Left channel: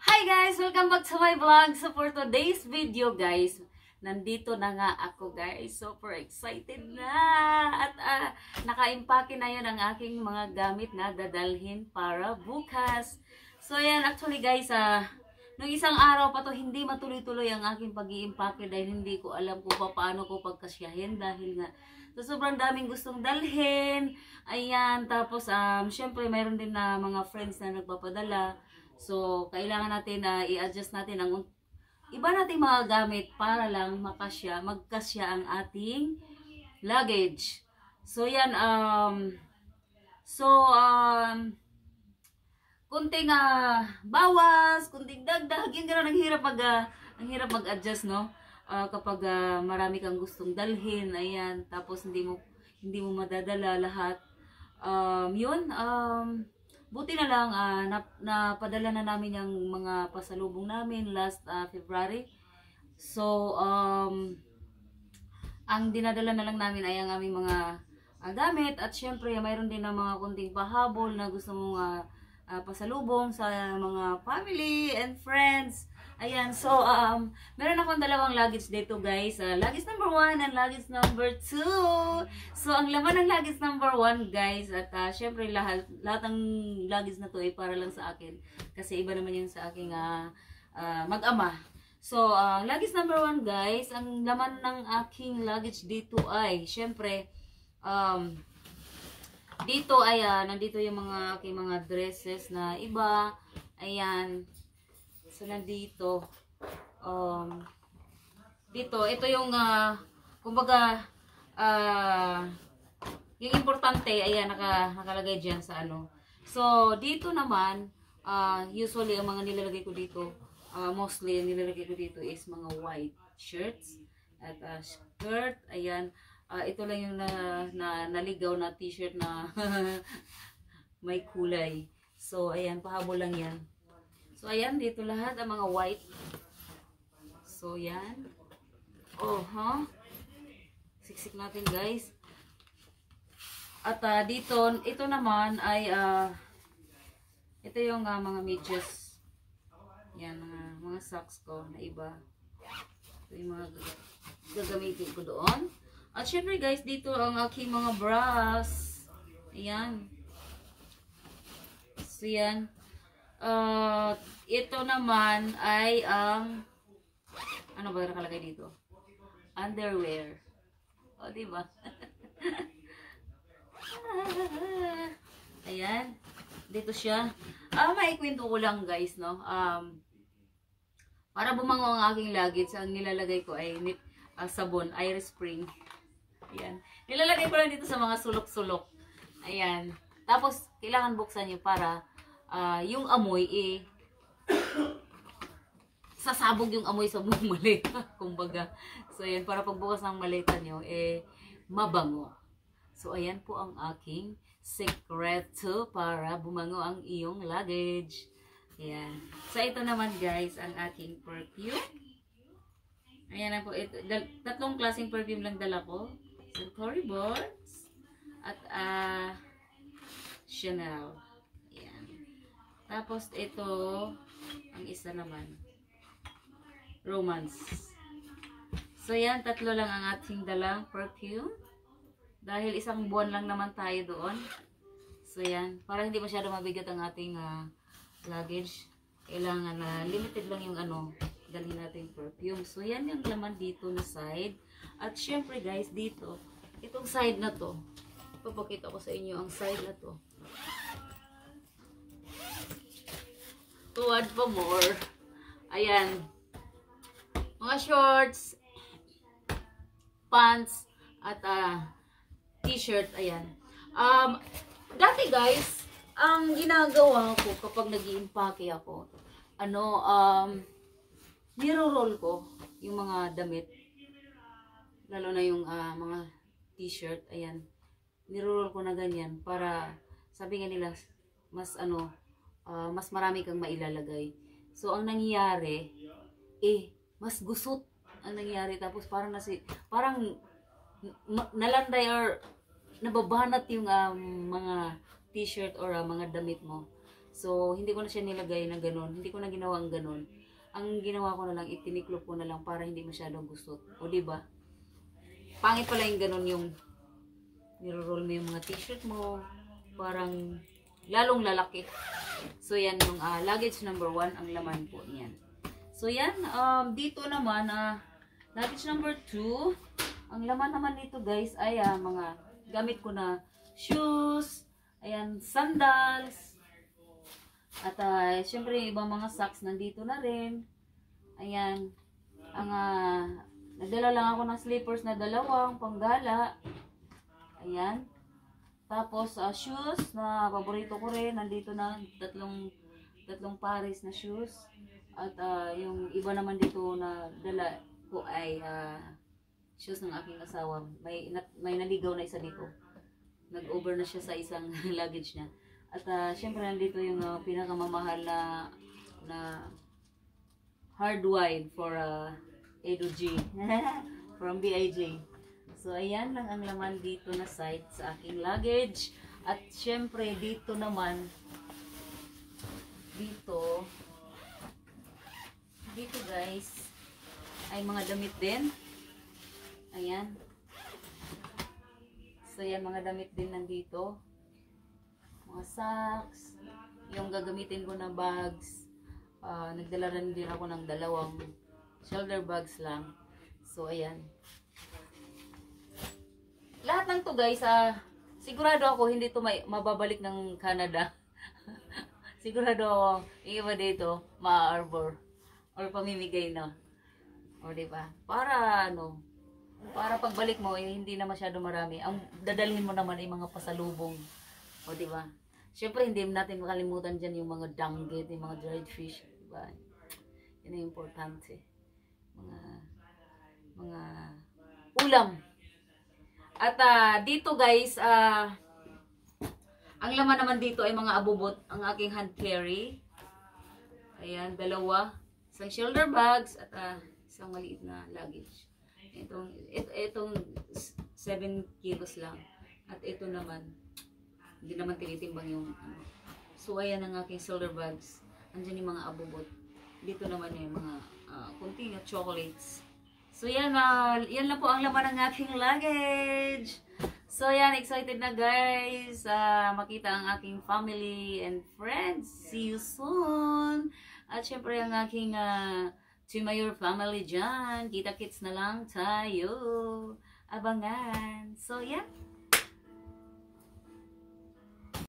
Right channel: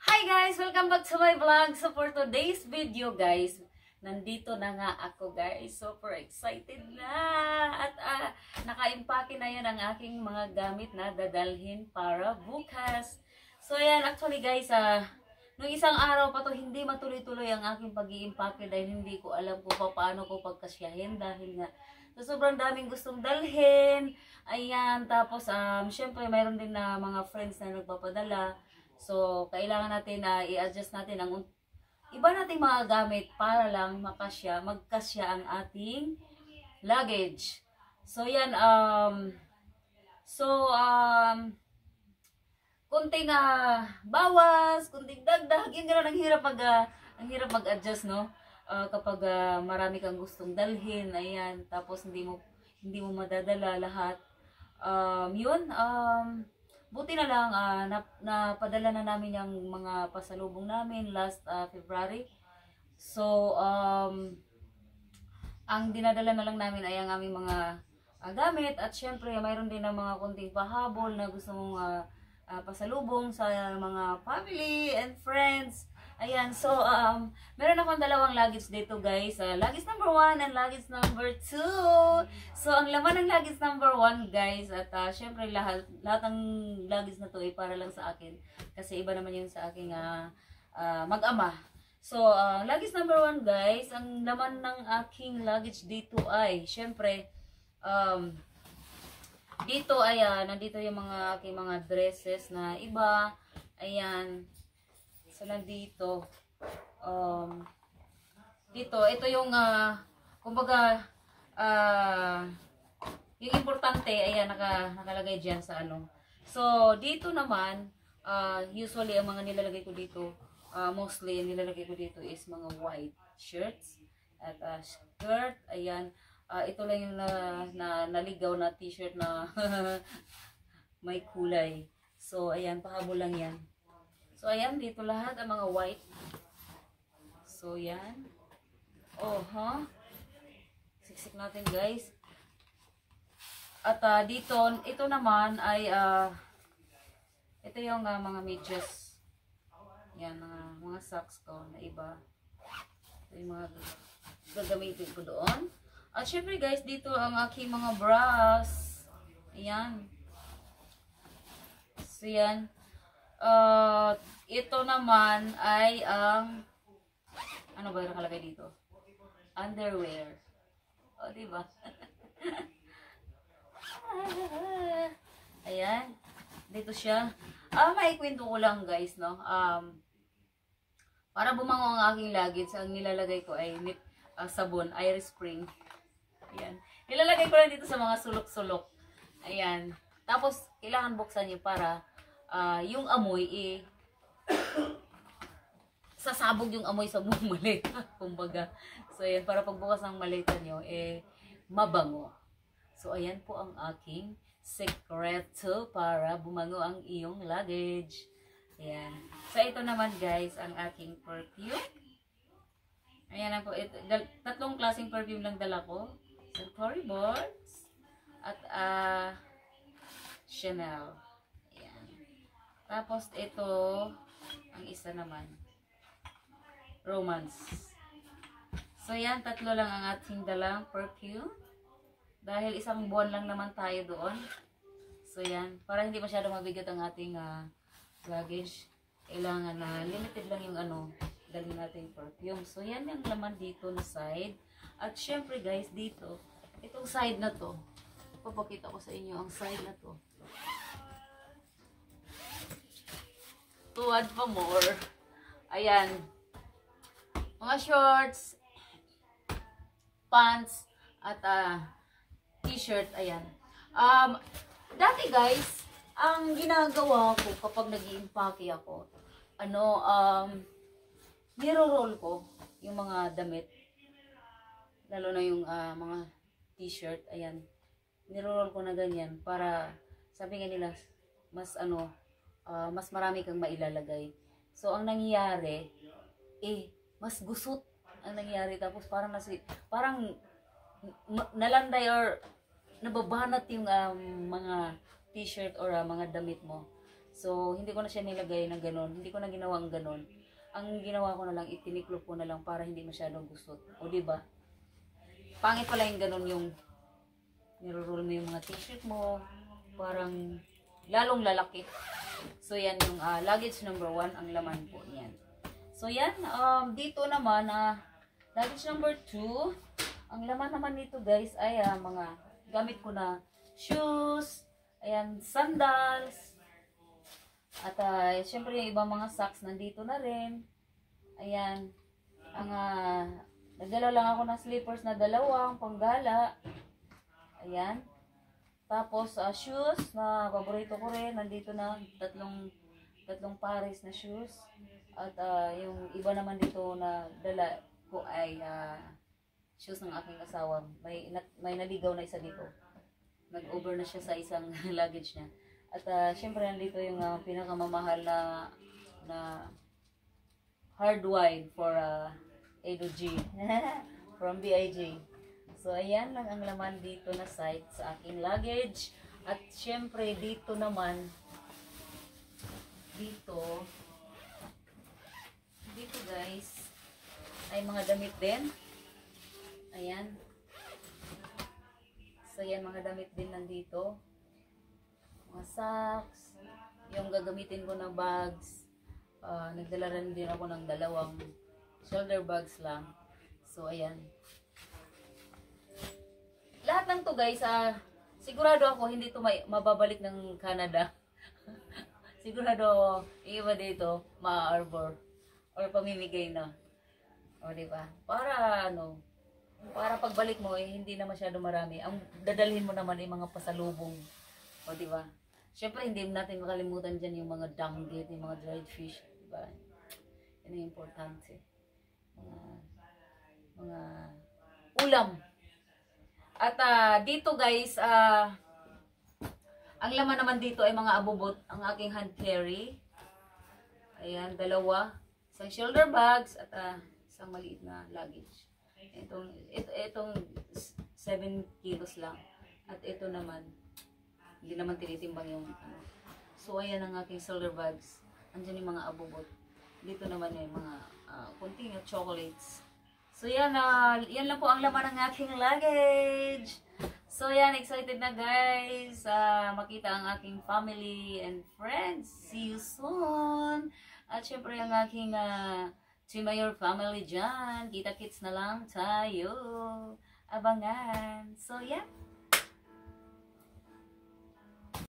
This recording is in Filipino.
Hi guys! Welcome back to my vlog. So for today's video guys, nandito na nga ako guys. Super excited na! At naka-impake na yun ang aking mga gamit na dadalhin para bukas. So yan, actually guys, nung isang araw pa to hindi matuloy-tuloy ang aking pag-iimpake dahil hindi ko alam kung paano ko pagkasyahin dahil nga so sobrang daming gustong dalhin. Ayan, tapos syempre mayroon din na mga friends na nagpapadala. So, kailangan natin na i-adjust natin ang iba nating mga gamit para lang magkasya ang ating luggage. So, yan, kunting bawas, kunting dagdag, yun gano'n, ang hirap mag-adjust, no? Kapag marami kang gustong dalhin, ayan, tapos hindi mo madadala lahat. Buti na lang napadala na namin yung mga pasalubong namin last February. So ang dinadala na lang namin ay ang aming mga gamit at syempre mayroon din na mga kunting pahabol na gusto mong pasalubong sa mga family and friends. Ayan, so meron akong dalawang luggage dito guys. Luggage number 1 and luggage number 2. So ang laman ng luggage number 1 guys, at syempre lahat ng luggage na to ay para lang sa akin. Kasi iba naman yun sa aking mag-ama. So luggage number 1 guys, ang laman ng aking luggage dito ay syempre dito ay nandito yung mga aking mga dresses na iba. Ayan. So, nandito, ito yung, kumbaga, yung importante, ayan, nakalagay dyan sa ano. So, dito naman, usually, ang mga nilalagay ko dito, mostly, nilalagay ko dito is mga white shirts, at skirt, ayan. Ito lang yung naligaw na t-shirt na may kulay. So, ayan, pahabol lang yan. So, ayan, dito lahat ang mga white. So, yan. Oh, siksik natin, guys. At dito, ito naman ay, ito yung mga medyas. Yan, mga socks ko na iba. Ito yung mga gagamitin ko doon. At syempre, guys, dito ang aking mga bras. Ayan. So, yan. Ito naman ay ang ano ba nakalagay dito? Underwear. O, diba? Ayan. Dito siya. Maikwento ko lang guys, no? Para bumango ang aking luggage, ang nilalagay ko ay sabon, Irish Spring. Ayan. Nilalagay ko lang dito sa mga sulok-sulok. Ayan. Tapos, kailangan buksan nyo para yung amoy sasabog yung amoy sa buong maleta, kumbaga. So ayan, para pagbukas ng maleta nyo mabango. So ayan po ang aking sekreto para bumango ang iyong luggage. Ayan. So ito naman guys ang aking perfume. Ayan na po, tatlong klaseng perfume lang dala ko. Tory Burch at Chanel. Tapos ito, ang isa naman, Romance. So yan, tatlo lang ang ating dalang perfume. Dahil isang buwan lang naman tayo doon. So yan, para hindi masyado mabigat ang ating luggage. Kailangan na limited lang yung dalhin nating perfume. So yan yung laman dito na side. At syempre guys, dito, itong side na to, papakita ko sa inyo ang side na to. To add pa more, ayan, mga shorts, pants, at t-shirt, ayan. Dati guys, ang ginagawa ko kapag nag-i-impake ako, niro-roll ko yung mga damit, lalo na yung mga t-shirt, ayan, niro-roll ko na ganyan, para, sabi nga nila, mas marami kang mailalagay. So, ang nangyayari, mas gusot ang nangyayari. Tapos, parang nalanday or nababanat yung mga t-shirt or mga damit mo. So, hindi ko na siya nilagay na ganun. Hindi ko na ginawang ganun. Ang ginawa ko na lang, itiniklop ko na lang para hindi masyadong gusot. O, diba? Pangit pala yung ganun yung niro-roll mo yung mga t-shirt mo. Parang lalong lalaki. So, yan yung luggage number 1, ang laman po niyan. So, yan. Dito naman, luggage number 2, ang laman naman nito guys ay mga gamit ko na shoes, ayan, sandals, at syempre yung ibang mga socks nandito na rin. Ayan, nagdala lang ako ng slippers na 2 panggala. Ayan. Tapos shoes na paborito ko rin, nandito na tatlong pares na shoes. At yung iba naman dito na dala ko ay shoes ng aking asawa. May naligaw na isa dito. Nag-over na siya sa isang luggage niya. At syempre nandito yung pinakamamahal na hard wine for Edo G from BIJ. So ayan lang ang laman dito na site sa aking luggage. At syempre dito naman, dito guys, ay mga damit din. Ayan. So yan, mga damit din nandito. Mga socks, yung gagamitin ko na bags. Nagdala rin din ako ng 2 shoulder bags lang. So ayan. Lahat ng to guys, sigurado ako hindi to mababalik ng Canada. Sigurado ako, iba dito, ma-arbor or pamimigay na. O diba? Para para pagbalik mo hindi na masyado marami. Ang dadalhin mo naman ay mga pasalubong. O diba? Syempre hindi natin makalimutan diyan yung mga danggit, yung mga dried fish, diba? Yan ang importante. Mga ulam. At dito guys, ang laman naman dito ay mga abubot, ang aking hand carry. Ayan, 2, isang shoulder bags at isang maliit na luggage. Itong 7 kilos lang. At ito naman, hindi naman tinitimbang yung So ayan ang aking shoulder bags. Andiyan yung mga abubot. Dito naman yung mga kunting chocolates. So yan, yan lang po ang laman ng aking luggage. So yan, excited na guys makita ang aking family and friends. See you soon. At syempre ang aking Mayor family dyan. Kita-kits na lang tayo. Abangan. So yan.